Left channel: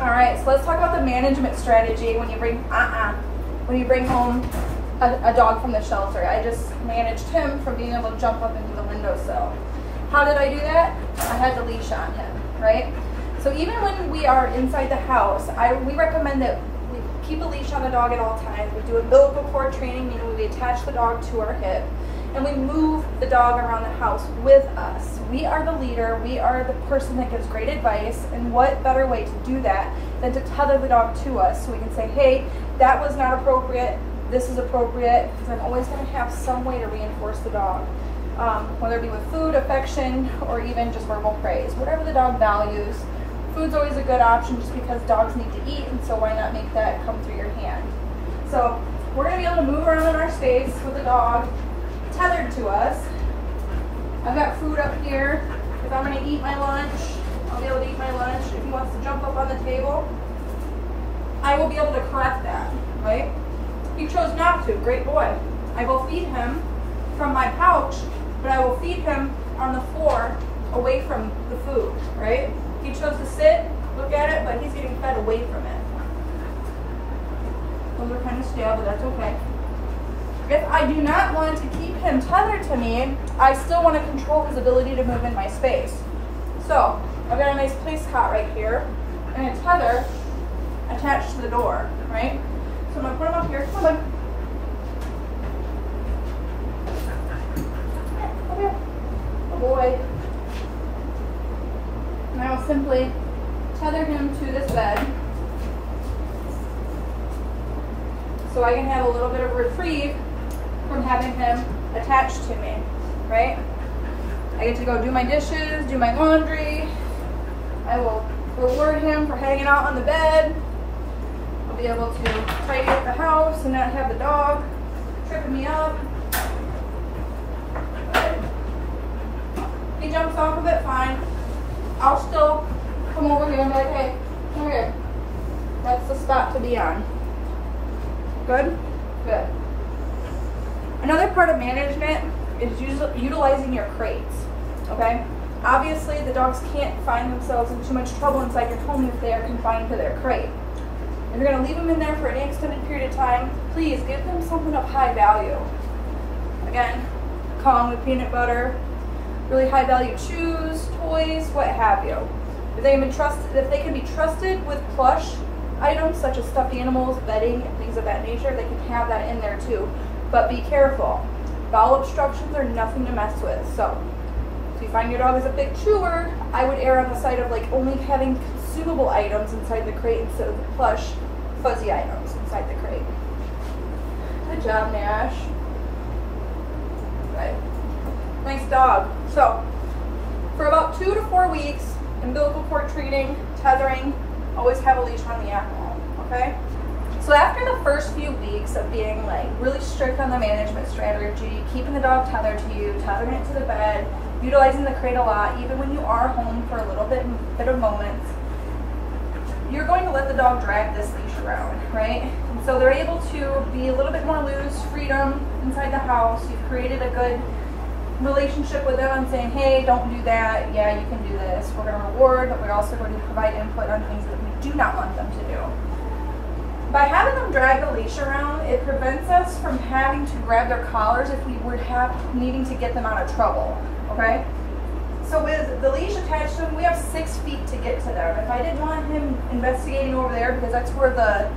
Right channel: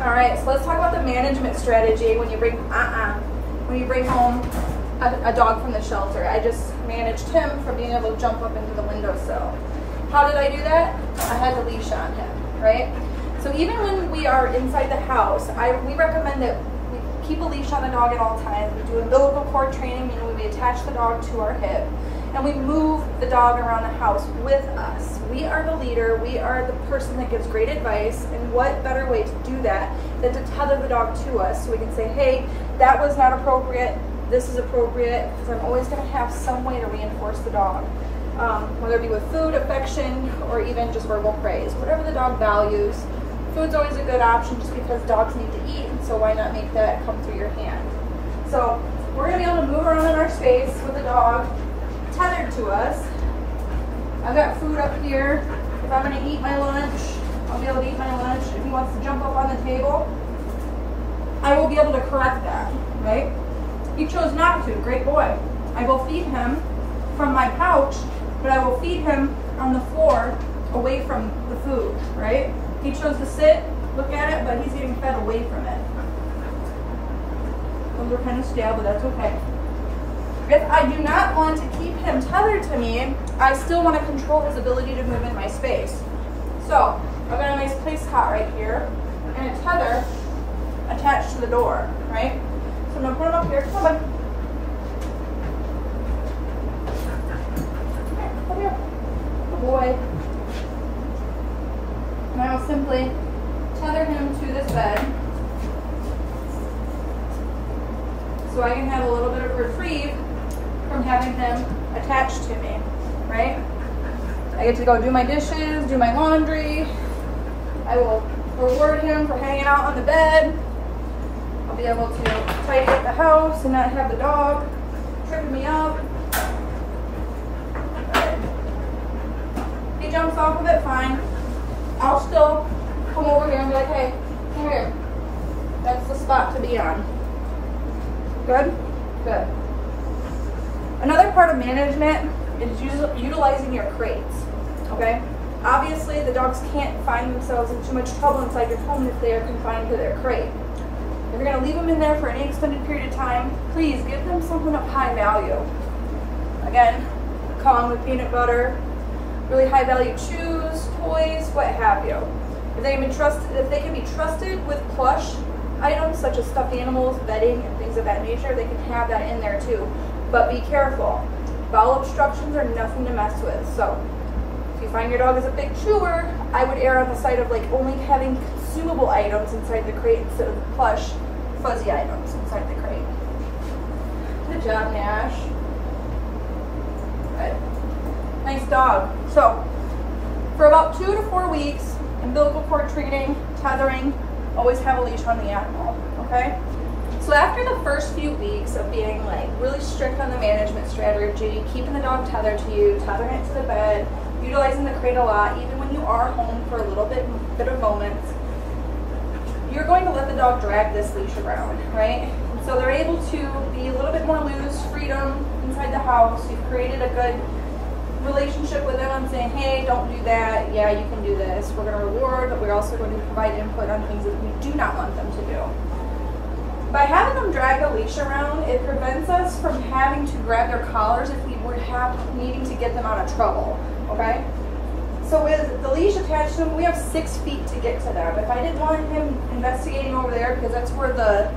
All right, so let's talk about the management strategy when you bring home a dog from the shelter. I just managed him from being able to jump up into the windowsill. How did I do that? I had the leash on him, right? So even when we are inside the house, we recommend that we keep a leash on the dog at all times. We do umbilical cord training, meaning we attach the dog to our hip, and we move the dog around the house with us. We are the leader, we are the person that gives great advice, and what better way to do that than to tether the dog to us so we can say, hey, that was not appropriate, this is appropriate, because I'm always going to have some way to reinforce the dog. Whether it be with food, affection, or even just verbal praise, whatever the dog values. Food's always a good option just because dogs need to eat, and so why not make that come through your hand? So we're going to be able to move around in our space with the dog tethered to us. I've got food up here. If I'm going to eat my lunch, I'll be able to eat my lunch. If he wants to jump up on the table, I will be able to correct that, right? He chose not to, great boy. I will feed him from my pouch, but I will feed him on the floor away from the food, right? He chose to sit, look at it, but he's getting fed away from it. Those are kind of stale, but that's okay. If I do not want to keep him tethered to me, I still want to control his ability to move in my space. So I've got a nice place cot right here, and a tether attached to the door, right? So I'm going to put him up here. Come on. Good boy. And I will simply tether him to this bed so I can have a little bit of reprieve from having him attached to me, right? I get to go do my dishes, do my laundry. I will reward him for hanging out on the bed. I'll be able to tidy up the house and not have the dog tripping me up. If he jumps off of it, fine. I'll still come over here and be like, hey, come here. That's the spot to be on. Good? Good. Another part of management is utilizing your crates, okay? Obviously, the dogs can't find themselves in too much trouble inside your home if they are confined to their crate. If you're going to leave them in there for any extended period of time, please give them something of high value. Again, Con with peanut butter, really high value chews, toys, what have you. If they can be trusted with plush items such as stuffed animals, bedding, and things of that nature, they can have that in there too. But be careful. Bowel obstructions are nothing to mess with. So if you find your dog is a big chewer, I would err on the side of like only having consumable items inside the crate instead of plush, fuzzy items inside the crate. Good job, Nash. Good. Nice dog. So for about 2 to 4 weeks, umbilical cord training, tethering, always have a leash on the animal, okay? So after the first few weeks of being like really strict on the management strategy, keeping the dog tethered to you, tethering it to the bed, utilizing the crate a lot, even when you are home for a little bit of moments, you're going to let the dog drag this leash around, right? And so they're able to be a little bit more loose, freedom inside the house. You've created a good relationship with them and saying, hey, don't do that, yeah, you can do this. We're going to reward, but we're also going to provide input on things that we do not want them to do. By having them drag the leash around, it prevents us from having to grab their collars if we would have needing to get them out of trouble, okay? So with the leash attached to him, we have 6 feet to get to them. If I didn't want him investigating over there because that's where the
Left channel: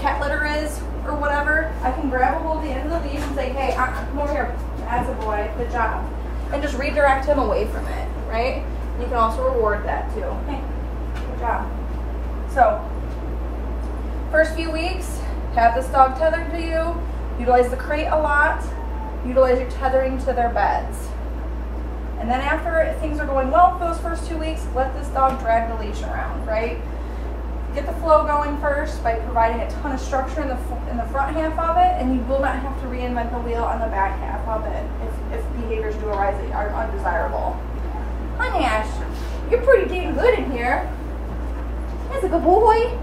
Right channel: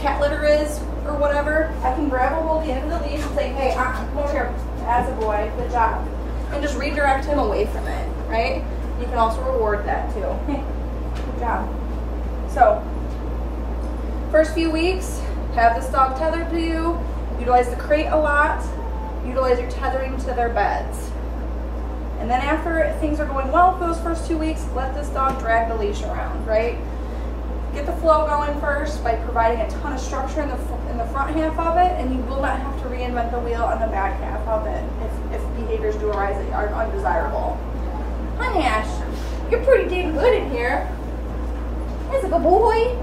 cat litter is or whatever, I can grab a hold of the end of the leash and say, hey, come over here. As a boy, good job. And just redirect him away from it, right? You can also reward that too. Hey, good job. So, first few weeks, have this dog tethered to you, utilize the crate a lot, utilize your tethering to their beds. And then after things are going well for those first 2 weeks, let this dog drag the leash around, right? Get the flow going first by providing a ton of structure in the front half of it, and you will not have to reinvent the wheel on the back half of it if behaviors do arise that are undesirable. Hi, Ash. You're pretty dang good in here. That's a good boy.